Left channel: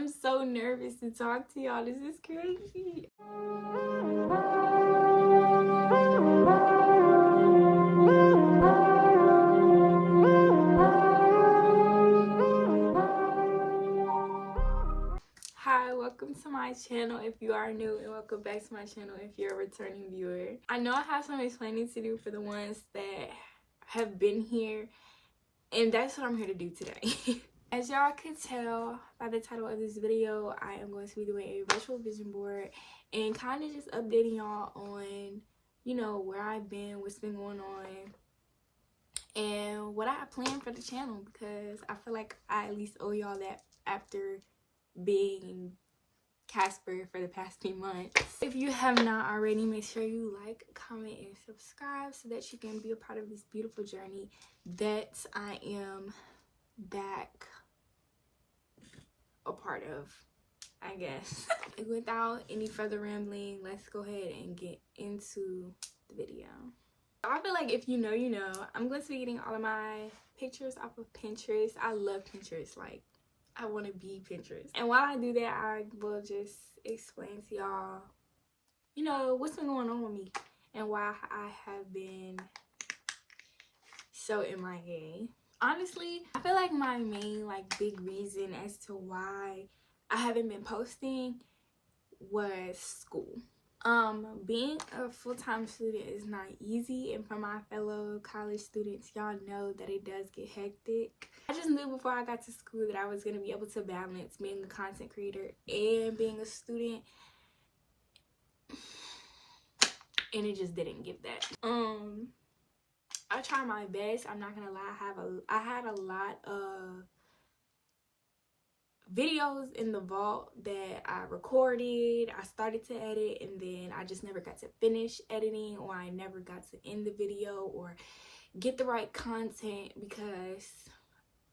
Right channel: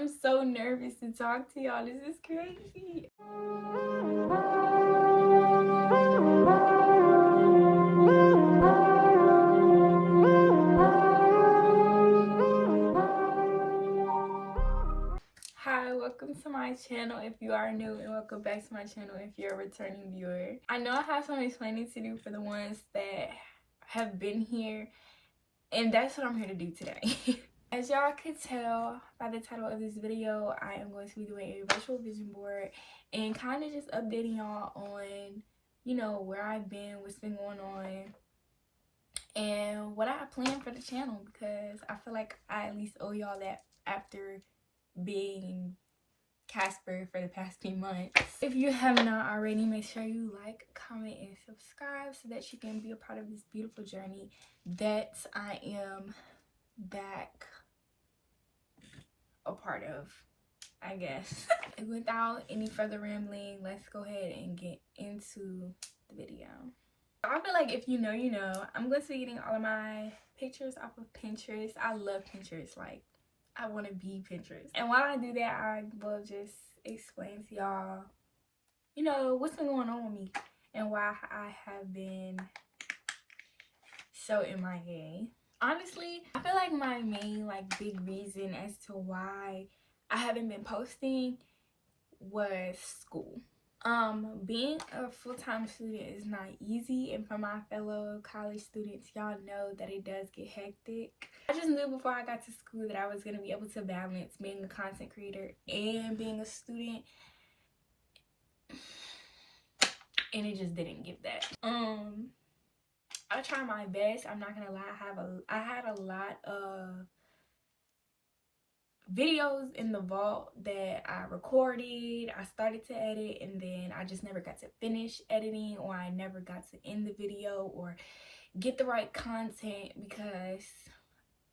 I'm so nervous to talk to y'all. This is crazy. Hi, welcome to my channel if you are new, and welcome back to my channel if you're a returning viewer. I know I have some explaining to do for the ones that have been here, and that's what I'm here to do today. As y'all could tell by the title of this video, I am going to be doing a virtual vision board and kind of just updating y'all on, you know, where I've been, what's been going on, and what I have planned for the channel, because I feel like I at least owe y'all that after being Casper for the past few months. If you have not already, make sure you like, comment, and subscribe so that you can be a part of this beautiful journey that I am back a part of, I guess. Without any further rambling, let's go ahead and get into the video. I feel like if you know, you know. I'm going to be getting all of my pictures off of Pinterest. I love Pinterest. Like, I want to be Pinterest. And while I do that, I will just explain to y'all, you know, what's been going on with me and why I have been so MIA. Honestly, I feel like my main big reason as to why I haven't been posting was school. Being a full-time student is not easy, and for my fellow college students, y'all know that it does get hectic. I just knew before I got to school that I was going to be able to balance being a content creator and being a student, and it just didn't give that. I try my best. I'm not gonna lie. I had a lot of videos in the vault that I recorded. I started to edit, and then I just never got to finish editing, or I never got to end the video or get the right content, because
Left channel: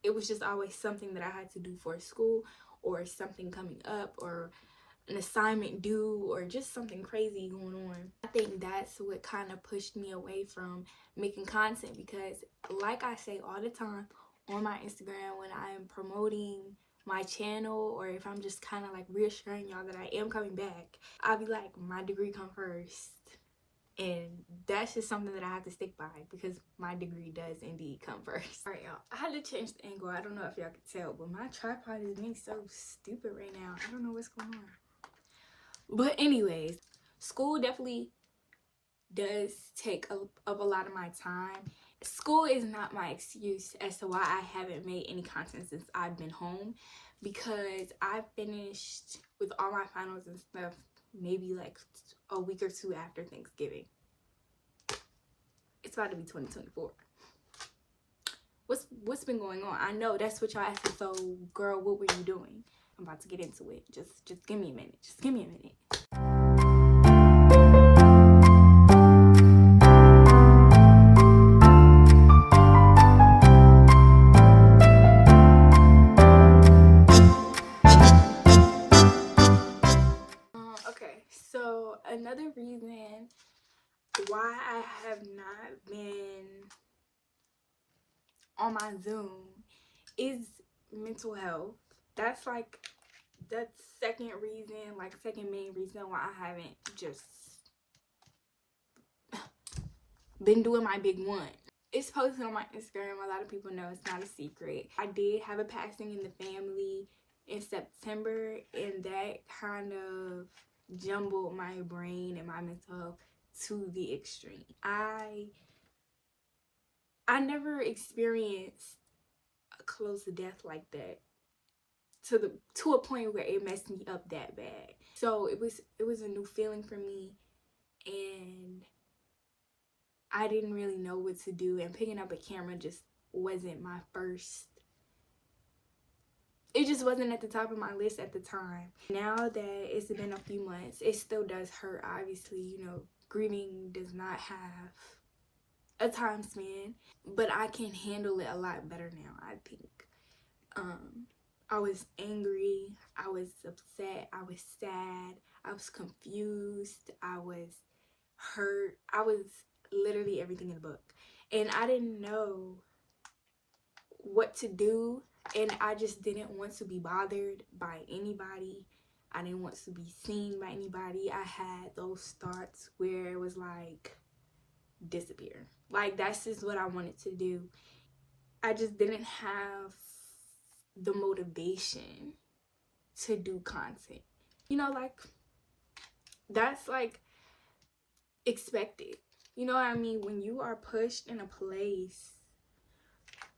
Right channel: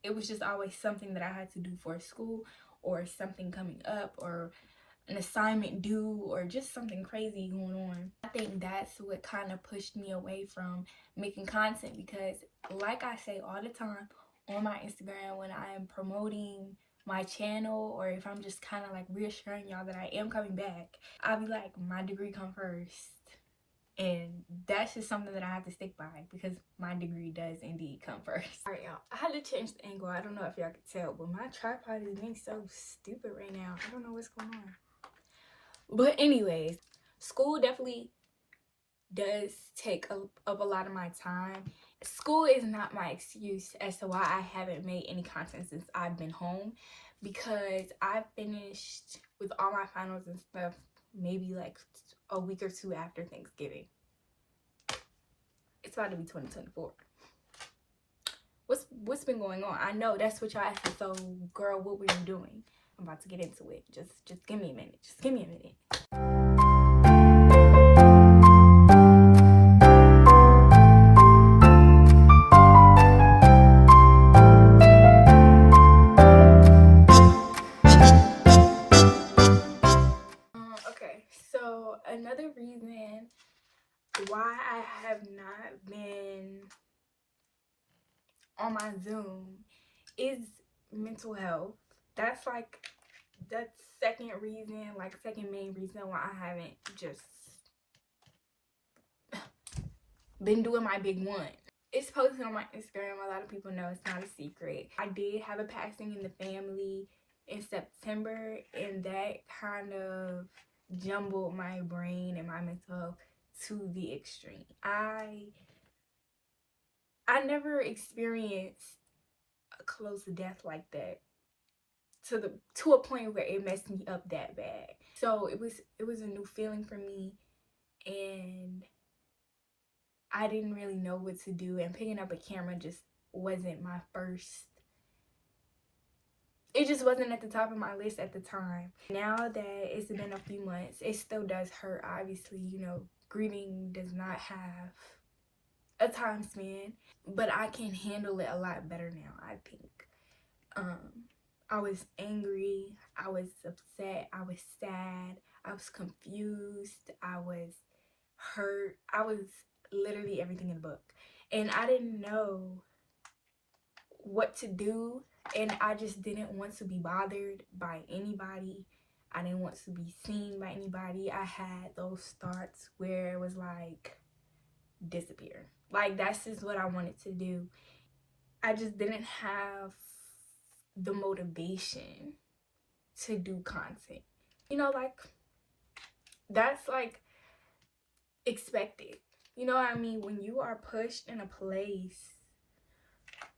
it was just always something that I had to do for school, or something coming up, or an assignment due, or just something crazy going on. I think that's what kind of pushed me away from making content, because like I say all the time on my Instagram when I am promoting my channel, or if I'm just kind of reassuring y'all that I am coming back, I'll be like, my degree come first. And that's just something that I have to stick by, because my degree does indeed come first. Alright, y'all, I had to change the angle. I don't know if y'all can tell, but my tripod is being so stupid right now. I don't know what's going on. But anyways, school definitely does take up a lot of my time. School is not my excuse as to why I haven't made any content since I've been home, because I finished with all my finals and stuff maybe a week or two after Thanksgiving. It's about to be 2024. What's been going on? I know that's what y'all asking. So girl, what were you doing? I'm about to get into it. Just give me a minute. Just give me a minute. Okay, so another reason why I have not been on my Zoom is mental health. That's the second main reason why I haven't just been doing my big one. It's posted on my Instagram. A lot of people know, it's not a secret. I did have a passing in the family in September, and that kind of jumbled my brain and my mental health to the extreme. I never experienced a close death like that to a point where it messed me up that bad. So it was a new feeling for me, and I didn't really know what to do, and picking up a camera just wasn't my first. It just wasn't at the top of my list at the time. Now that it's been a few months, it still does hurt. Obviously, you know, grieving does not have a time span, but I can handle it a lot better now, I think. I was angry, I was upset, I was sad, I was confused, I was hurt. I was literally everything in the book, and I didn't know what to do And I just didn't want to be bothered by anybody. I didn't want to be seen by anybody. I had those thoughts where it was like, disappear. Like, that's just what I wanted to do. I just didn't have the motivation to do content. You know, like, that's like expected. You know what I mean? When you are pushed in a place,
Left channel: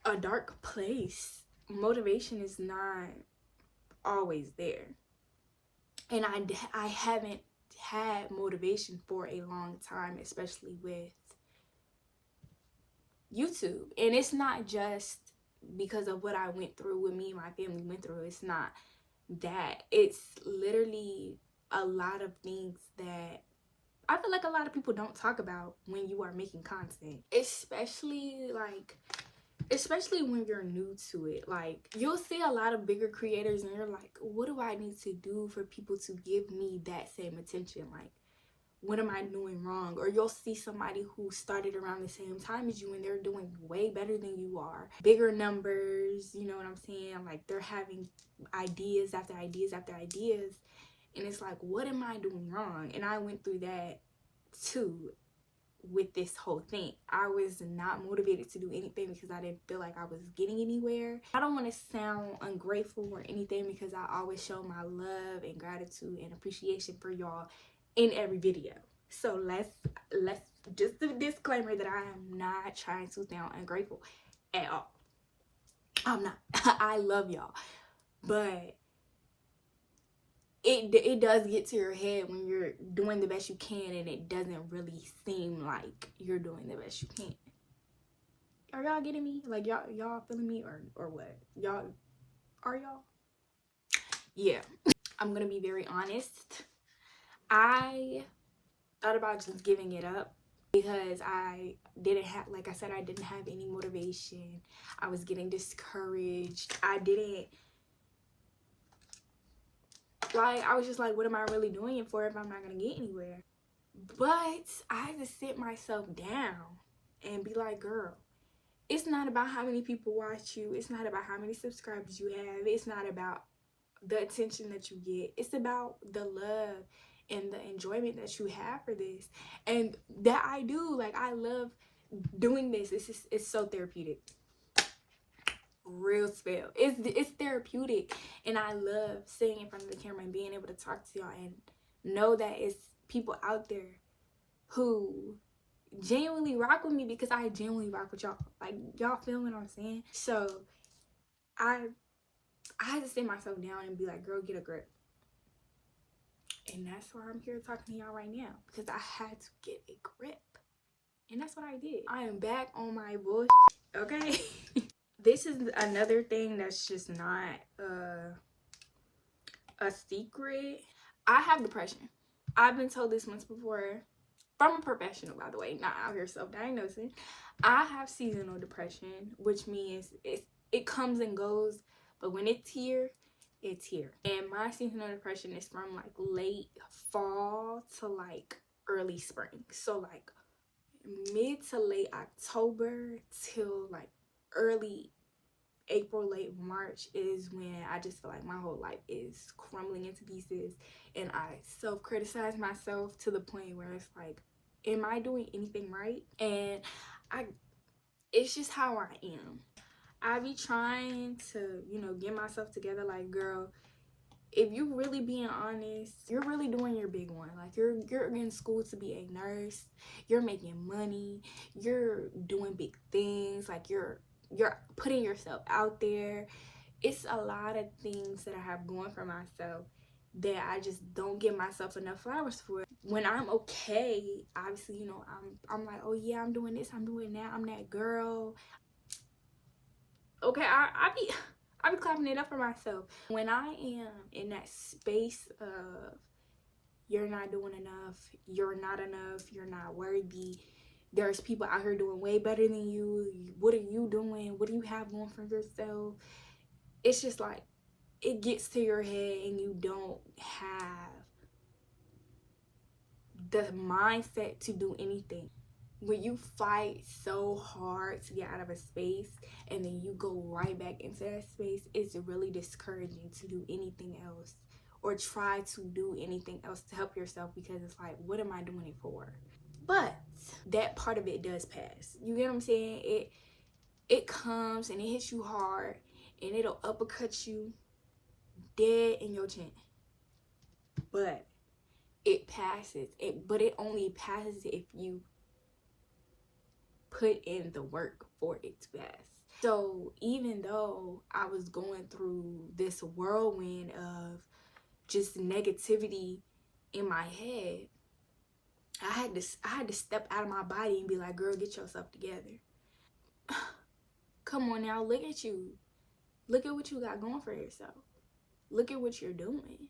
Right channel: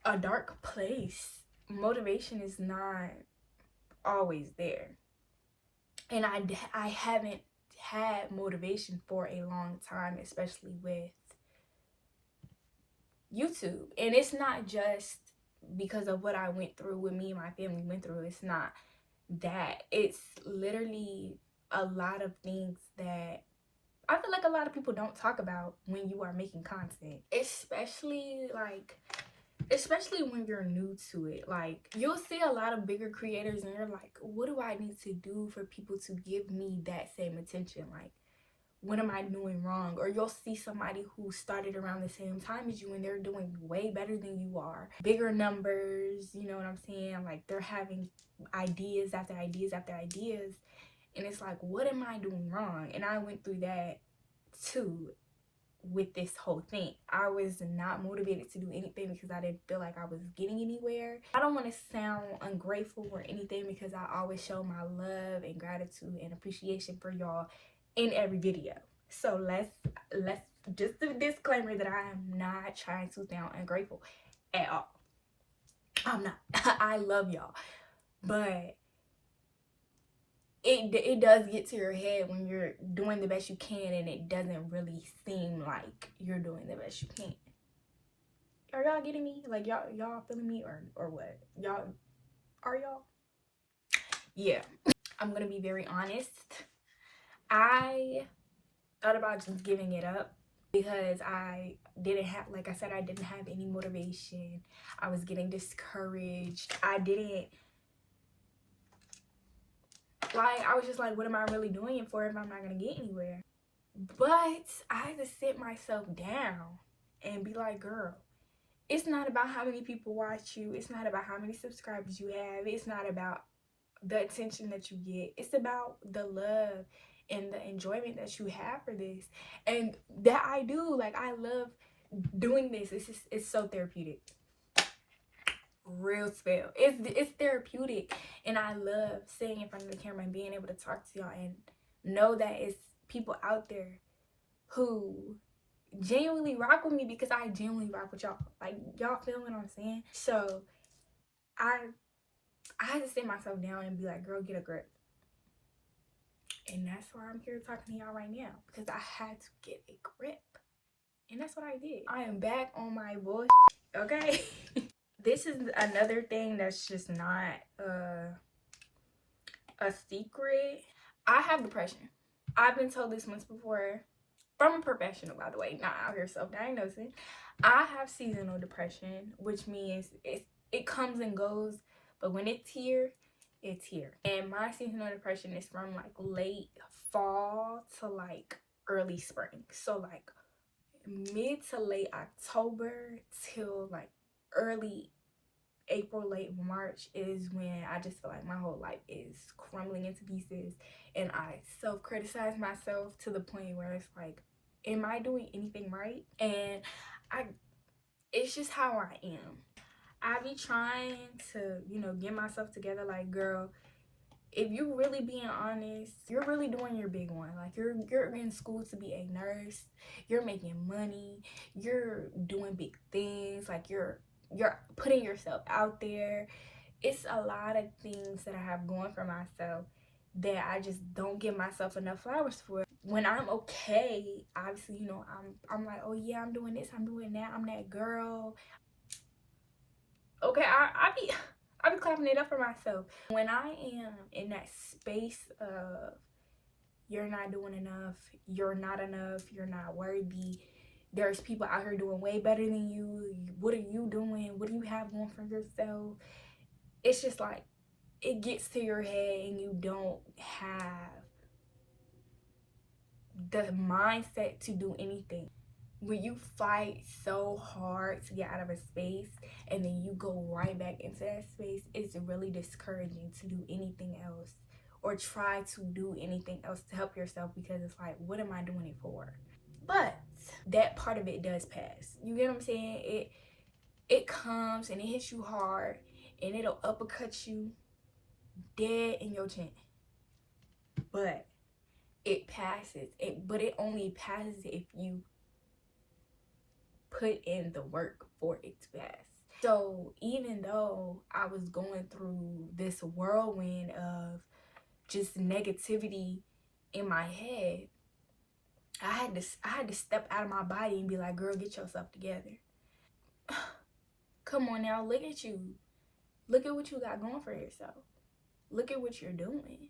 a dark place, motivation is not always there. And I haven't had motivation for a long time, especially with YouTube. And it's not just because of what I went through, what me and my family went through. It's not that. It's literally a lot of things that I feel like a lot of people don't talk about when you are making content. Especially when you're new to it. Like, you'll see a lot of bigger creators and you're like, what do I need to do for people to give me that same attention? Like, what am I doing wrong? Or you'll see somebody who started around the same time as you and they're doing way better than you are. Bigger numbers, you know what I'm saying? Like, they're having ideas after ideas after ideas. And it's like, what am I doing wrong? And I went through that too with this whole thing. I was not motivated to do anything because I didn't feel like I was getting anywhere. I don't want to sound ungrateful or anything because I always show my love and gratitude and appreciation for y'all in every video. So let's just a disclaimer that I am not trying to sound ungrateful at all. I'm not. I love y'all. But it does get to your head when you're doing the best you can and it doesn't really seem like you're doing the best you can. Are y'all getting me? Like, y'all feeling me or what? Are y'all? Yeah. I'm gonna be very honest. I thought about just giving it up because I didn't have, like I said, I didn't have any motivation. I was getting discouraged. I was just like, what am I really doing it for if I'm not gonna get anywhere? But I had to sit myself down and be like, girl, it's not about how many people watch you. It's not about how many subscribers you have. It's not about the attention that you get. It's about the love and the enjoyment that you have for this. And that I do. Like, I love doing this. It's so therapeutic. Real spell. It's therapeutic. And I love sitting in front of the camera and being able to talk to y'all and know that it's people out there who genuinely rock with me because I genuinely rock with y'all. Like, y'all feel what I'm saying? So I had to sit myself down and be like, girl, get a grip. And that's why I'm here talking to y'all right now, because I had to get a grip. And that's what I did. I am back on my bullshit, okay? This is another thing that's just not a secret. I have depression. I've been told this once before from a professional, by the way, not out here self-diagnosing. I have seasonal depression, which means it comes and goes, but when it's here, it's here. And my seasonal depression is from like late fall to like early spring. So like mid to late October till like early April, late March is when I just feel like my whole life is crumbling into pieces, and I self-criticize myself to the point where it's like, am I doing anything right? And it's just how I am. I be trying to, get myself together. Like, girl, if you really being honest, you're really doing your big one. Like, you're in school to be a nurse. You're making money. You're doing big things. Like, you're putting yourself out there. It's a lot of things that I have going for myself that I just don't give myself enough flowers for. When I'm okay, obviously, I'm like, oh yeah, I'm doing this, I'm doing that, I'm that girl. Okay, I be clapping it up for myself. When I am in that space of you're not doing enough, you're not enough, you're not worthy, there's people out here doing way better than you, what are you doing, what do you have going for yourself? It's just like, it gets to your head and you don't have the mindset to do anything. when you fight so hard to get out of a space and then you go right back into that space, it's really discouraging to do anything else or try to do anything else to help yourself, because it's like, what am I doing it for? But that part of it does pass. You get what I'm saying? It comes and it hits you hard and it'll uppercut you dead in your chin. But it passes. But it only passes if you put in the work for it to pass. So even though I was going through this whirlwind of just negativity in my head, I had to step out of my body and be like, girl, get yourself together. Come on now, look at you. Look at what you got going for yourself. Look at what you're doing.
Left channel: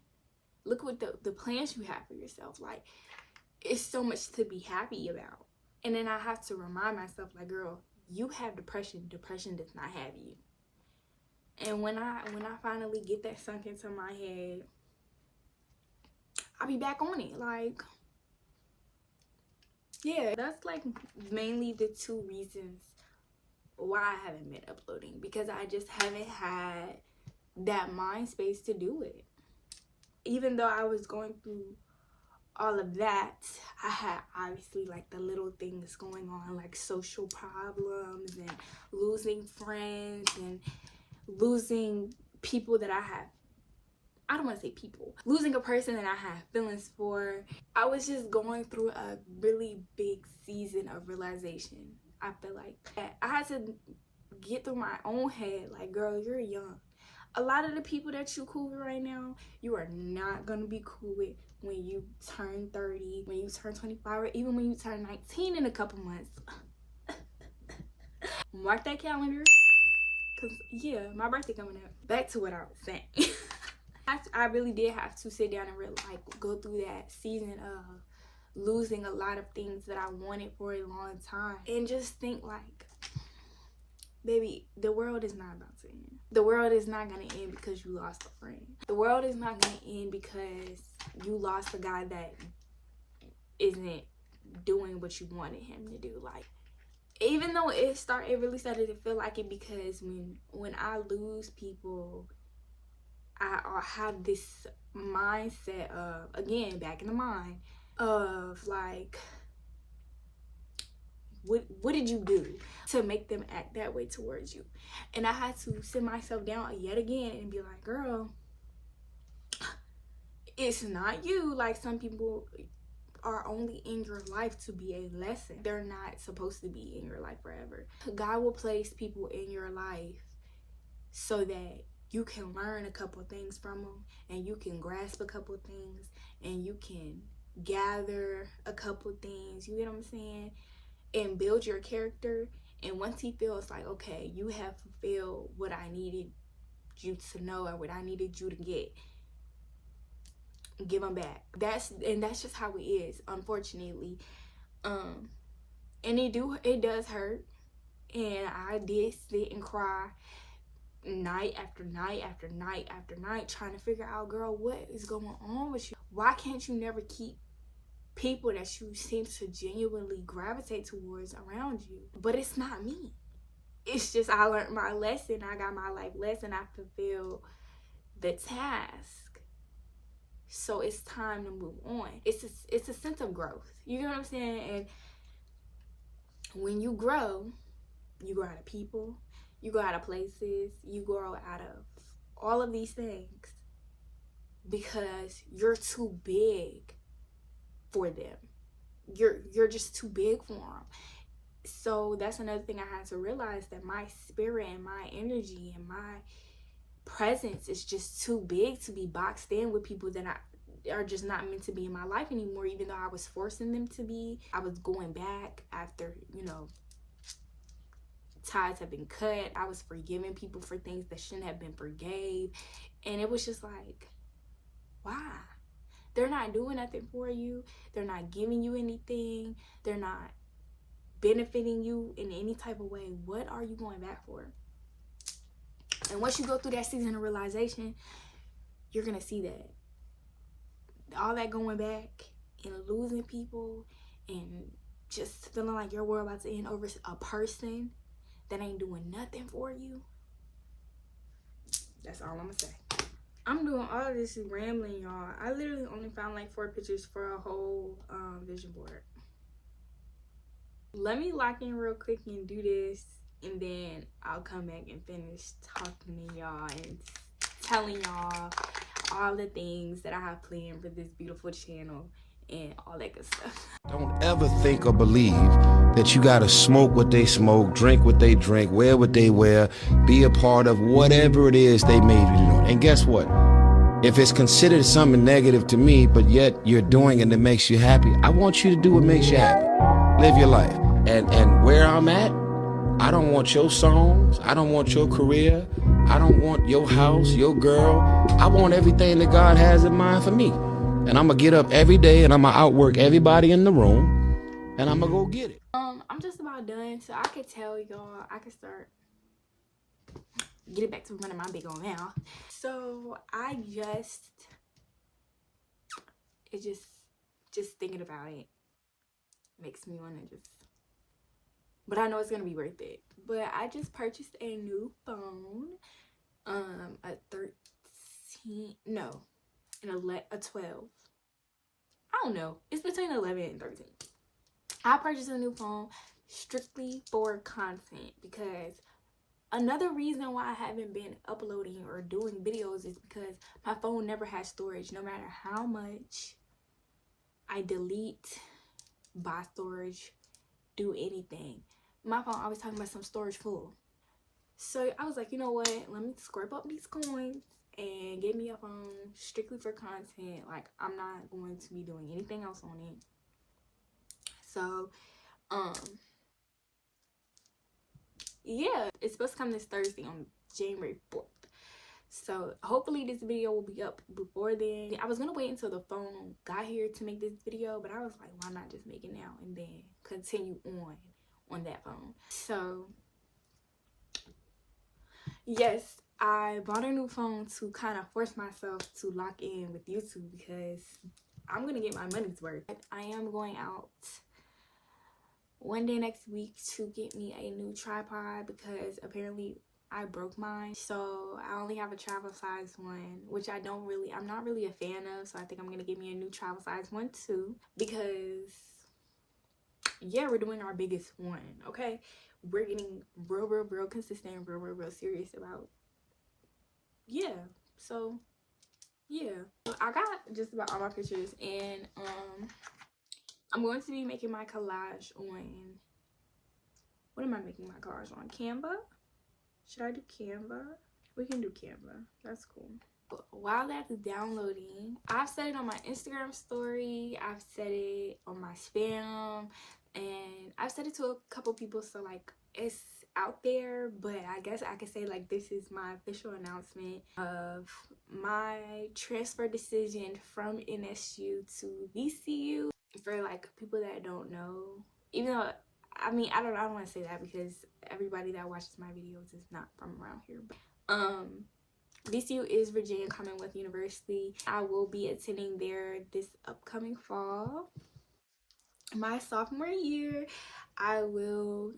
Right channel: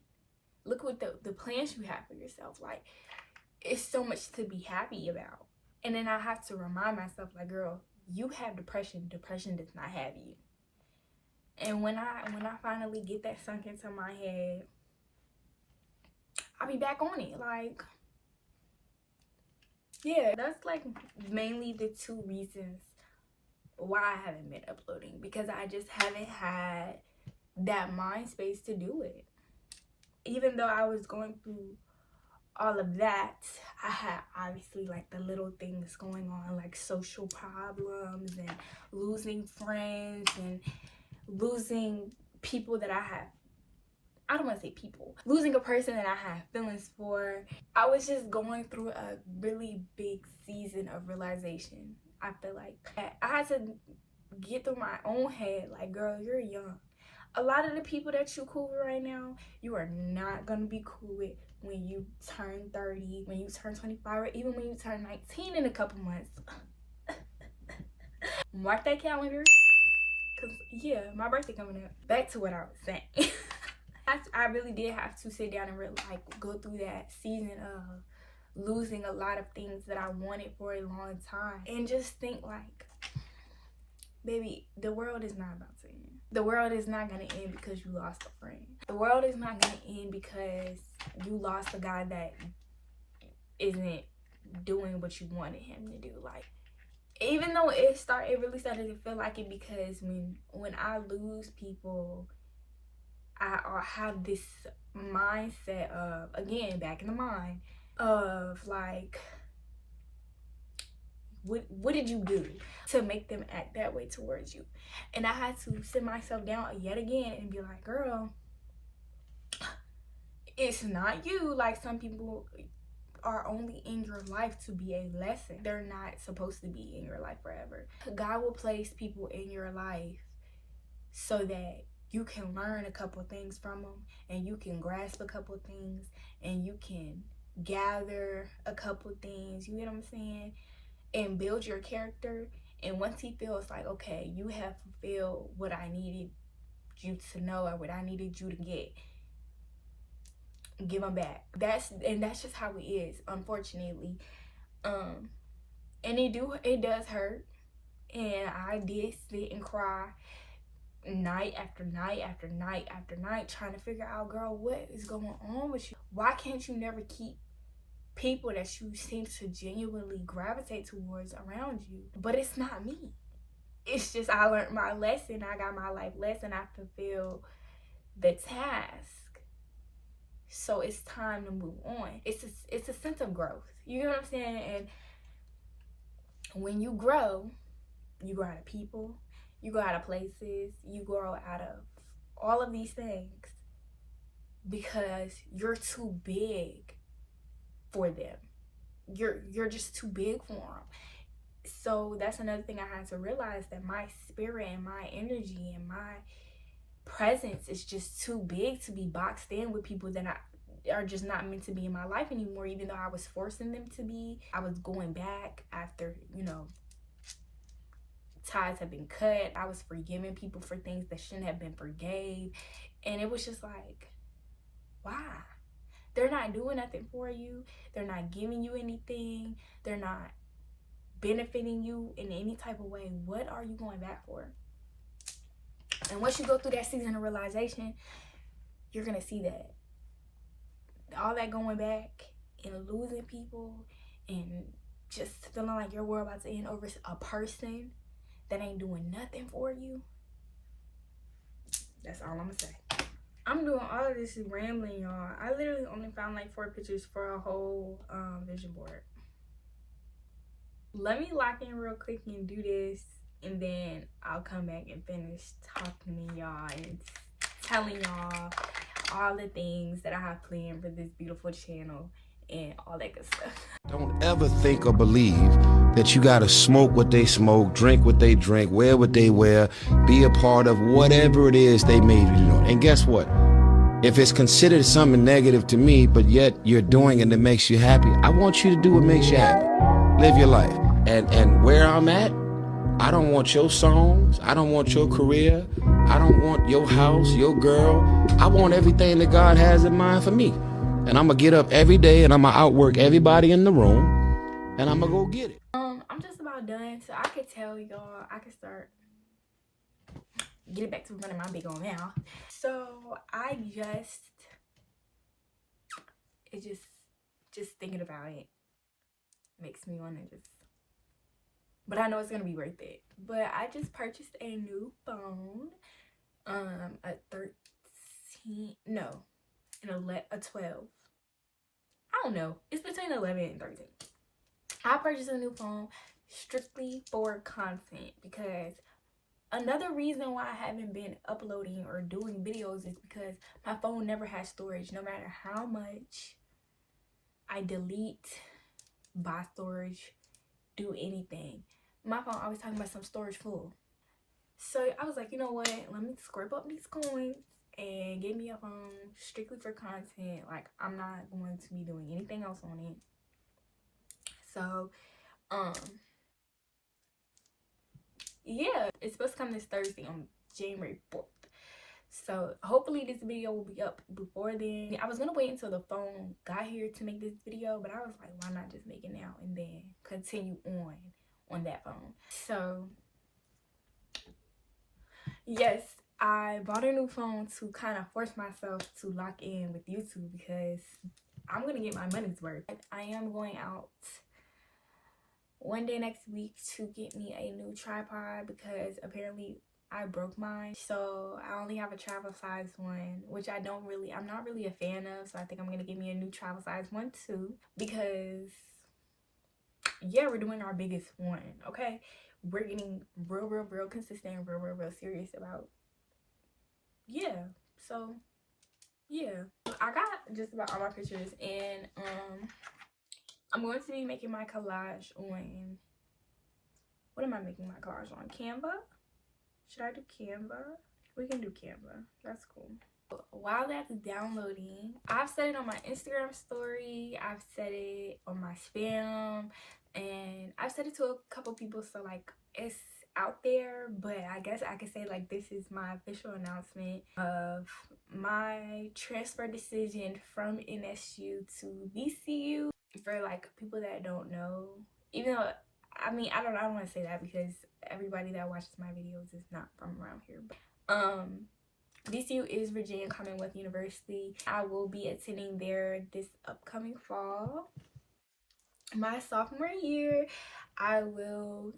Look what the plans you have for yourself. Like, it's so much to be happy about. And then I have to remind myself, like, girl, you have depression. Depression does not have you. And when I finally get that sunk into my head, I'll be back on it. Like, yeah, that's like mainly the two reasons why I haven't been uploading, because I just haven't had that mind space to do it. Even though I was going through all of that, I had obviously like the little things going on, like social problems and losing friends and losing people that I don't want to say people, losing a person that I had feelings for. I was just going through a really big season of realization. I feel like I had to get through my own head, like, girl, you're young. A lot of the people that you cool with right now, you are not going to be cool with when you turn 30, when you turn 25, or even when you turn 19 in a couple months. Mark that calendar, because, yeah, my birthday coming up. Back to what I was saying. I really did have to sit down and really, like, go through that season of losing a lot of things that I wanted for a long time, and just think, like, baby, the world is not about to end. The world is not going to end because you lost a friend. The world is not going to end because you lost a guy that isn't doing what you wanted him to do. Like, even though it really started to feel like it, because when I lose people, I have this mindset of, again, back in the mind, of like, what did you do to make them act that way towards you? And I had to sit myself down yet again and be like, girl, it's not you. Like, some people are only in your life to be a lesson. They're not supposed to be in your life forever. God will place people in your life so that you can learn a couple things from them, and you can grasp a couple things, and you can gather a couple things, you get what I'm saying, and build your character. And once he feels like, okay, you have fulfilled what I needed you to know and what I needed you to get, give them back. That's just how it is, unfortunately. And it does hurt, and I did sit and cry night after night after night after night, trying to figure out, girl, what is going on with you? Why can't you never keep people that you seem to genuinely gravitate towards around you? But it's not me. It's just, I learned my lesson. I got my life lesson. I fulfilled the task. So it's time to move on. It's a sense of growth. You know what I'm saying? And when you grow out of people, you go out of places, you grow out of all of these things because you're too big for them. You're just too big for them. So that's another thing I had to realize, that my spirit and my energy and my presence is just too big to be boxed in with people that are just not meant to be in my life anymore. Even though I was forcing them to be, I was going back after, ties have been cut. I was forgiving people for things that shouldn't have been forgave. And it was just like, why? They're not doing nothing for you. They're not giving you anything. They're not benefiting you in any type of way. What are you going back for? And once you go through that season of realization, you're going to see that all that going back and losing people and just feeling like your world about to end over a person that ain't doing nothing for you. That's all I'm gonna say. I'm doing all of this rambling, y'all. I literally only found like 4 pictures for a whole vision board. Let me lock in real quick and do this, and then I'll come back and finish talking to y'all and telling y'all all the things that I have planned for this beautiful channel and all that good stuff. Don't ever think or believe that you gotta smoke what they smoke, drink what they drink, wear what they wear, be a part of whatever it is they made you do. And guess what? If it's considered something negative to me, but yet you're doing it and it makes you happy, I want you to do what makes you happy. Live your life. And where I'm at, I don't want your songs. I don't want your career. I don't want your house, your girl. I want everything that God has in mind for me. And I'm gonna get up every day and I'm gonna outwork everybody in the room and I'm gonna go get it. I'm just about done, so I could tell y'all, I could start getting back to running my big old mouth. So I just thinking about it makes me want to but I know it's gonna be worth it. But I just purchased a new phone, a 12. I don't know, it's between 11 and 13. I purchased a new phone strictly for content, because another reason why I haven't been uploading or doing videos is because my phone never has storage. No matter how much I delete, buy storage, do anything, my phone always talking about some storage full. So I was like, you know what, let me scrape up these coins and get me a phone strictly for content. Like, I'm not going to be doing anything else on it. So yeah, it's supposed to come this Thursday on January 4th. So hopefully this video will be up before then. I was gonna wait until the phone got here to make this video, but I was like, why not just make it now and then continue on that phone. So yes, I bought a new phone to kind of force myself to lock in with YouTube, because I'm gonna get my money's worth. I am going out one day next week to get me a new tripod, because apparently I broke mine. So I only have a travel size one, which I'm not really a fan of. So I think I'm gonna get me a new travel size one too, because yeah, we're doing our biggest one, okay? We're getting real consistent, real serious about, yeah. So yeah, I got just about all my pictures, and I'm going to be making my collage on, what am I making my collage on? Canva? Should I do Canva? We can do Canva. That's cool. While that's downloading, I've said it on my Instagram story. I've said it on my spam. And I've said it to a couple people. So, like, it's out there. But I guess I could say, like, this is my official announcement of my transfer decision from NSU to VCU. For, like, people that don't know. Even though, I mean, I don't want to say that, because everybody that watches my videos is not from around here. But VCU is Virginia Commonwealth University. I will be attending there this upcoming fall. My sophomore year, I will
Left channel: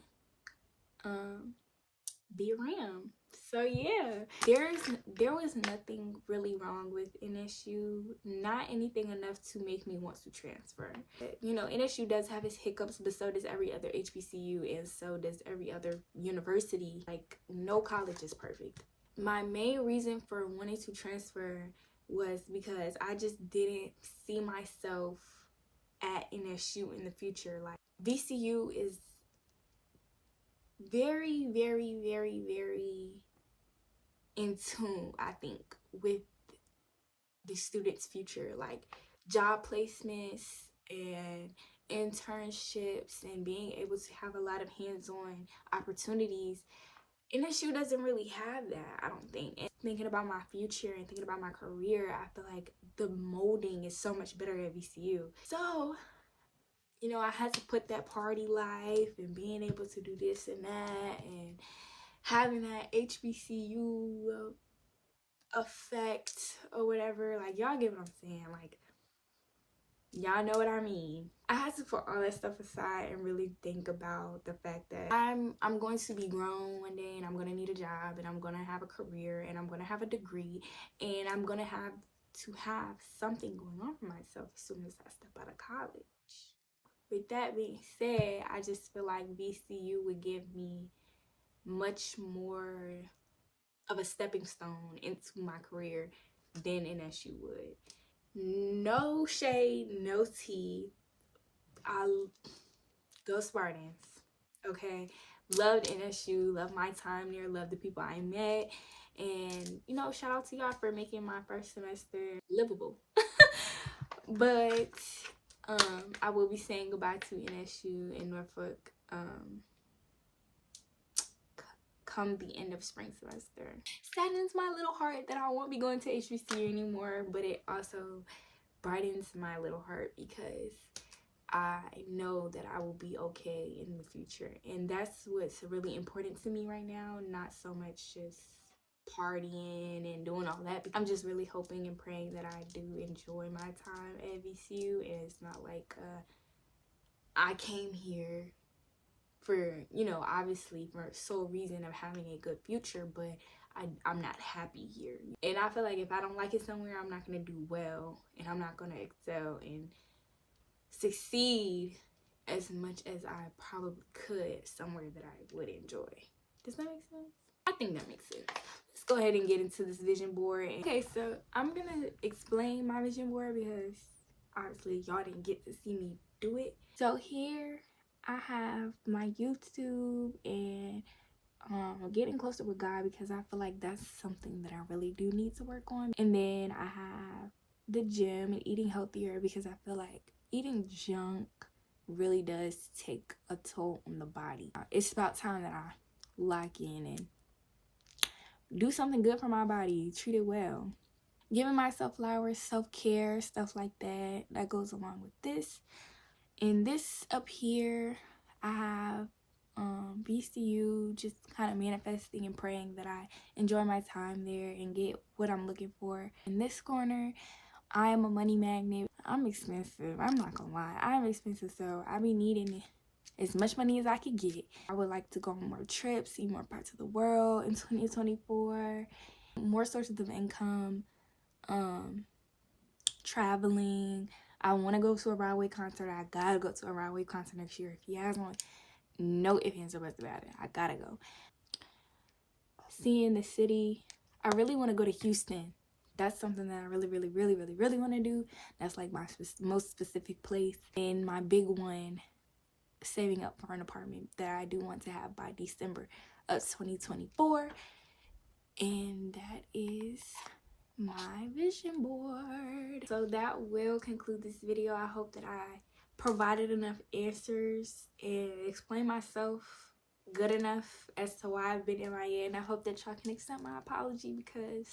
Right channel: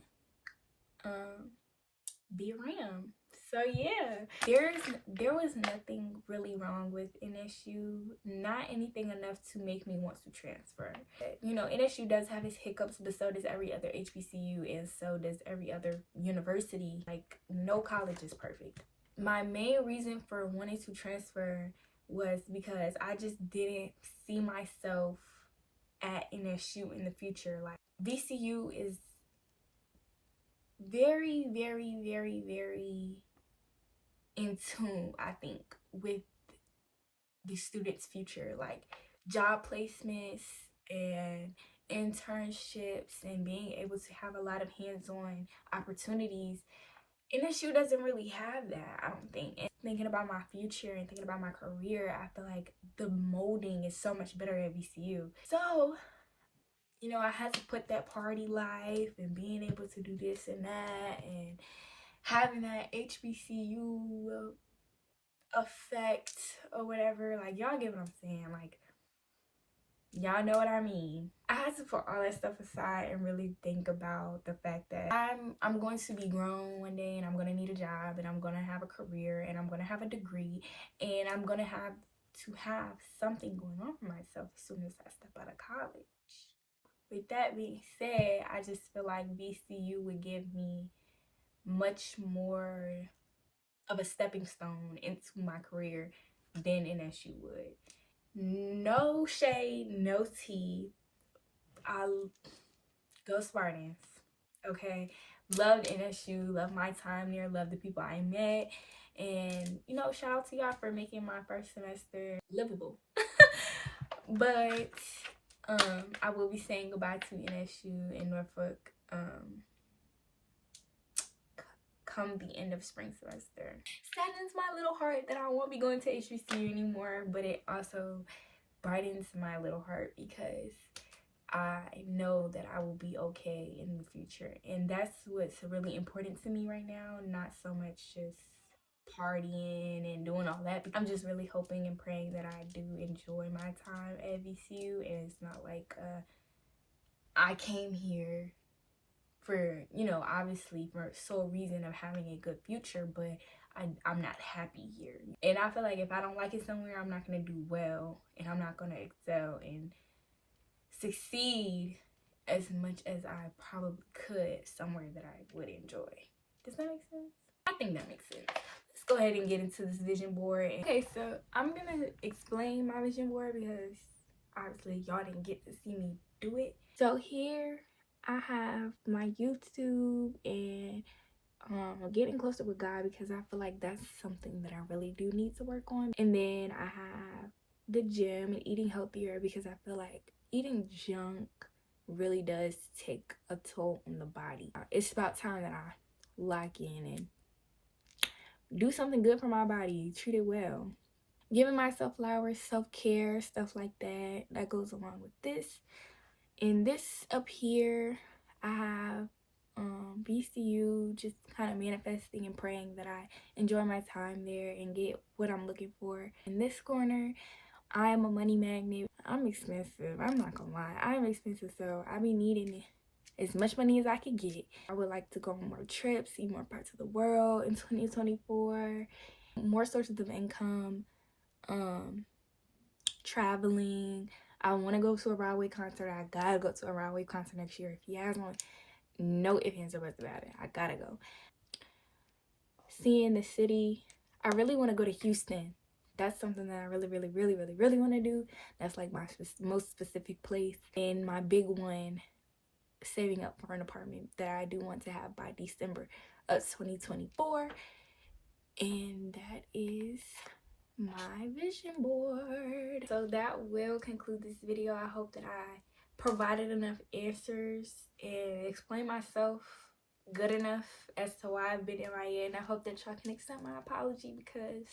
be around. So yeah, there was nothing really wrong with NSU, not anything enough to make me want to transfer. You know, NSU does have its hiccups, but so does every other HBCU, and so does every other university. Like, no college is perfect. My main reason for wanting to transfer was because I just didn't see myself at NSU in the future. Like, VCU is very in tune, I think, with the students' future, like job placements and internships and being able to have a lot of hands-on opportunities. NSU doesn't really have that, I don't think. And thinking about my future and thinking about my career, I feel like the molding is so much better at VCU. So, you know, I had to put that party life and being able to do this and that and having that HBCU effect or whatever. Like, y'all get what I'm saying. Like, Y'all know what I mean. I had to put all that stuff aside and really think about the fact that I'm going to be grown one day, and I'm going to need a job, and I'm going to have a career, and I'm going to have a degree, and I'm going to have something going on for myself as soon as I step out of college. With that being said, I just feel like VCU would give me much more of a stepping stone into my career than NSU would. No shade, no tea. I go Spartans, okay? Loved NSU, loved my time there, loved the people I met, and you know, shout out to y'all for making my first semester livable. But I will be saying goodbye to NSU in Norfolk come the end of spring semester. Saddens my little heart that I won't be going to HBCU anymore, but it also brightens my little heart because I know that I will be okay in the future. And that's what's really important to me right now, not so much just partying and doing all that. I'm just really hoping and praying that I do enjoy my time at VCU, and it's not like I came here for, you know, obviously for sole reason of having a good future, but I'm not happy here. And I feel like if I don't like it somewhere, I'm not going to do well, and I'm not going to excel and succeed as much as I probably could somewhere that I would enjoy. Does that make sense? I think that makes sense. Let's go ahead and get into this vision board. Okay, so I'm going to explain my vision board because obviously y'all didn't get to see me do it. So here I have my YouTube and getting closer with God, because I feel like that's something that I really do need to work on. And then I have the gym and eating healthier, because I feel like eating junk really does take a toll on the body. It's about time that I lock in and do something good for my body, treat it well. Giving myself flowers, self-care, stuff like that, that goes along with this. And this up here, I have VCU, just kind of manifesting and praying that I enjoy my time there and get what I'm looking for. In this corner, I am a money magnet. I'm expensive. I'm not gonna lie. I'm expensive, so I be needing as much money as I could get. I would like to go on more trips, see more parts of the world in 2024. More sources of income, traveling. I want to go to a Broadway concert. I gotta go to a Broadway concert next year. If you guys want, no ifs, ands, or buts about it. I gotta go. Seeing the city. I really want to go to Houston. That's something that I really want to do. That's like my most specific place. And my big one, saving up for an apartment that I do want to have by December of 2024. And that is my vision board. So that will conclude this video. I hope that I provided enough answers and explained myself good enough as to why I've been MIA. And I hope that y'all can accept my apology, because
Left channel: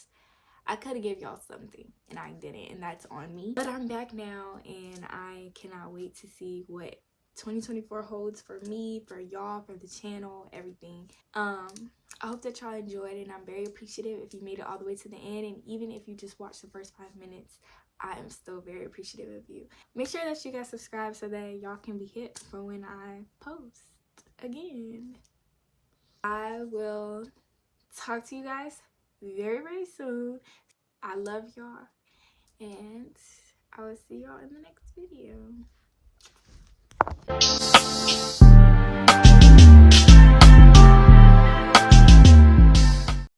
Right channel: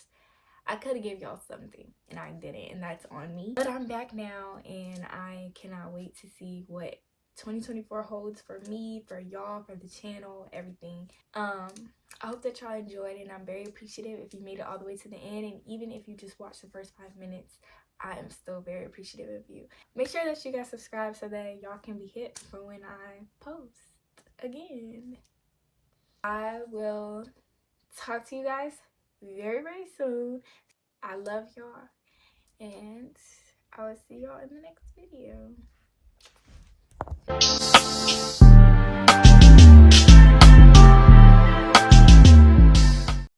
I could have gave y'all something and I didn't, and that's on me. But I'm back now, and I cannot wait to see what 2024 holds for me, for y'all, for the channel, everything. I hope that y'all enjoyed it, and I'm very appreciative if you made it all the way to the end. And even if you just watched the first 5 minutes, I am still very appreciative of you. Make sure that you guys subscribe so that y'all can be hit for when I post again. I will talk to you guys very soon. I love y'all, and I will see y'all in the next video.